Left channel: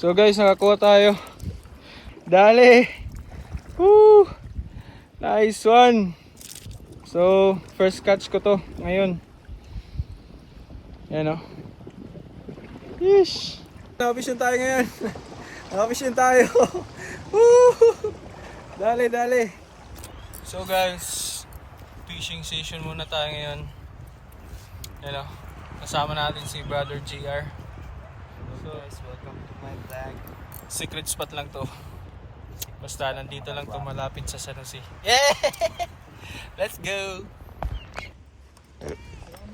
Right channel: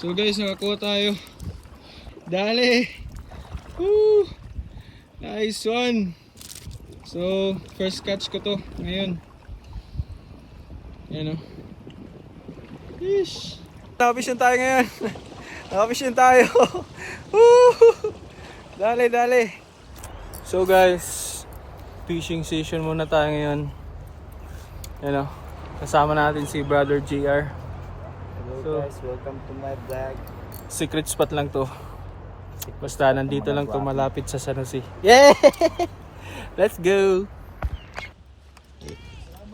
So guys, nakakuha tayo. Dali. Woo! Nice one. So, first catch ko to ngayon. Ayan o. Yeesh. Nakapisyon tayo ngayon. Nakapisyon tayo. Woo! Dali, dali. So guys, fishing session muna tayo ngayon. Ayan o. Kasama natin si Brother JR. Hello guys, welcome to my vlog. Secret spot lang to. Basta nandito lang to, malapit sa San Jose. Yeah! Let's go!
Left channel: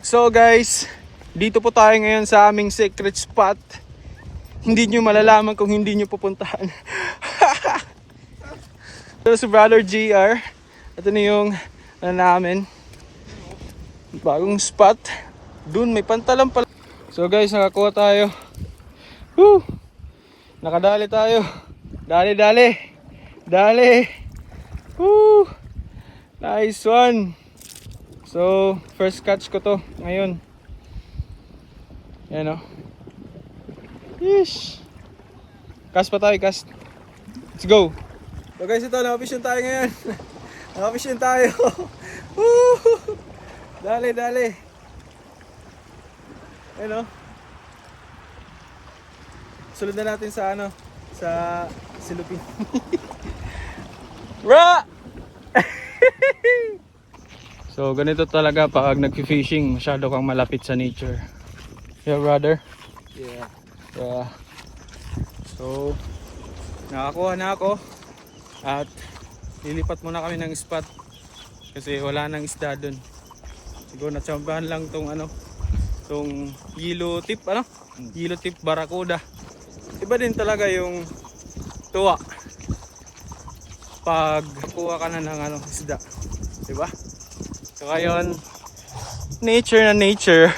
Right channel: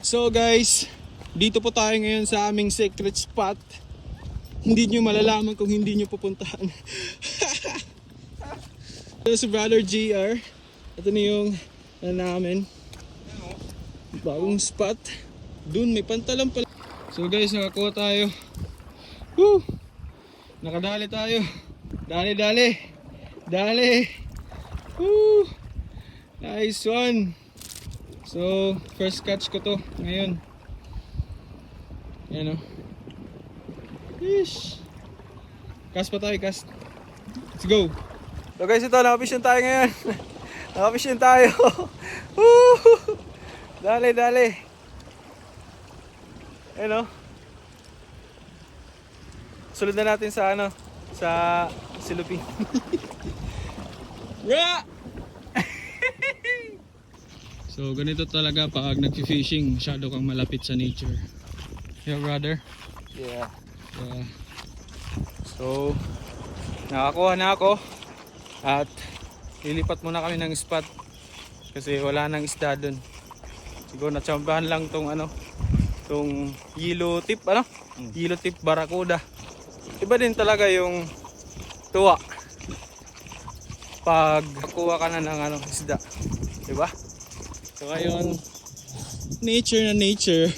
So guys, dito po tayo ngayon sa aming secret spot. Hindi nyo malalaman kung hindi nyo pupuntahan. So si Brother JR, ito na yung namin. Bagong spot. Dun may pantalan pala. So guys, nakakuha tayo. Woo! Nakadali tayo. Dali, dali. Dali. Woo! Nice one. So, first catch ko to ngayon. Ayan o. Yeesh. Cast pa tayo, cast. Let's go. So guys, ito, nakapisyon tayo ngayon. Nakapisyon tayo. Woo! Dali, dali. Ayan o. Sunod na natin sa ano, sa Silupin. Ra! So ganito talaga pag nag-fishing, masyado kang malapit sa nature. Yeah, brother? Yeah. Yeah. So nakakuha na ako at lilipat muna kami ng spot kasi wala nang isda dun. Siguro natsambahan lang tong ano, tong yellow tip, ano? Yellow tip barracuda. Iba din talaga yung tuwa pag kuha ka na ng ano, isda, diba? So ngayon, nature na nature.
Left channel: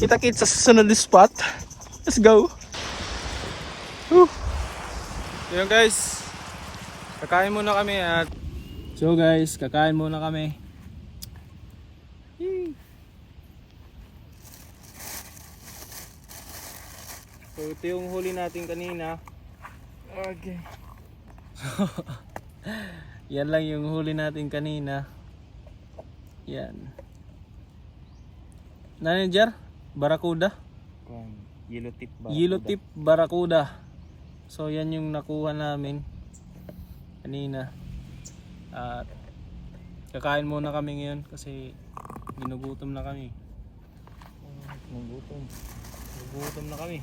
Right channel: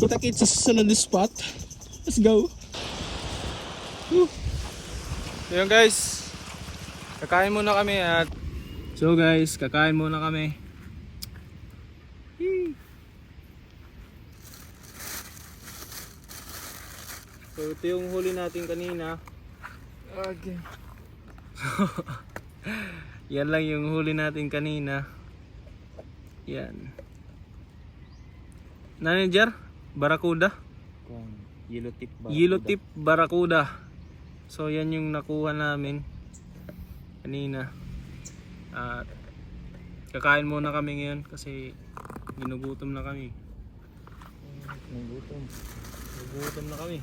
Kita-kits sa susunod na spot. Let's go. Whew. Yun guys, kakain muna kami at so guys, kakain muna kami. Yee. So ito yung huli natin kanina. Okay. Yan lang yung huli natin kanina. Yan. Manager, barracuda. Yellow tip ba? Yellow tip barracuda. So yan yung nakuha namin kanina. At kakain muna kami ngayon kasi ginugutom na kami. Nagutom. Nagugutom na kami.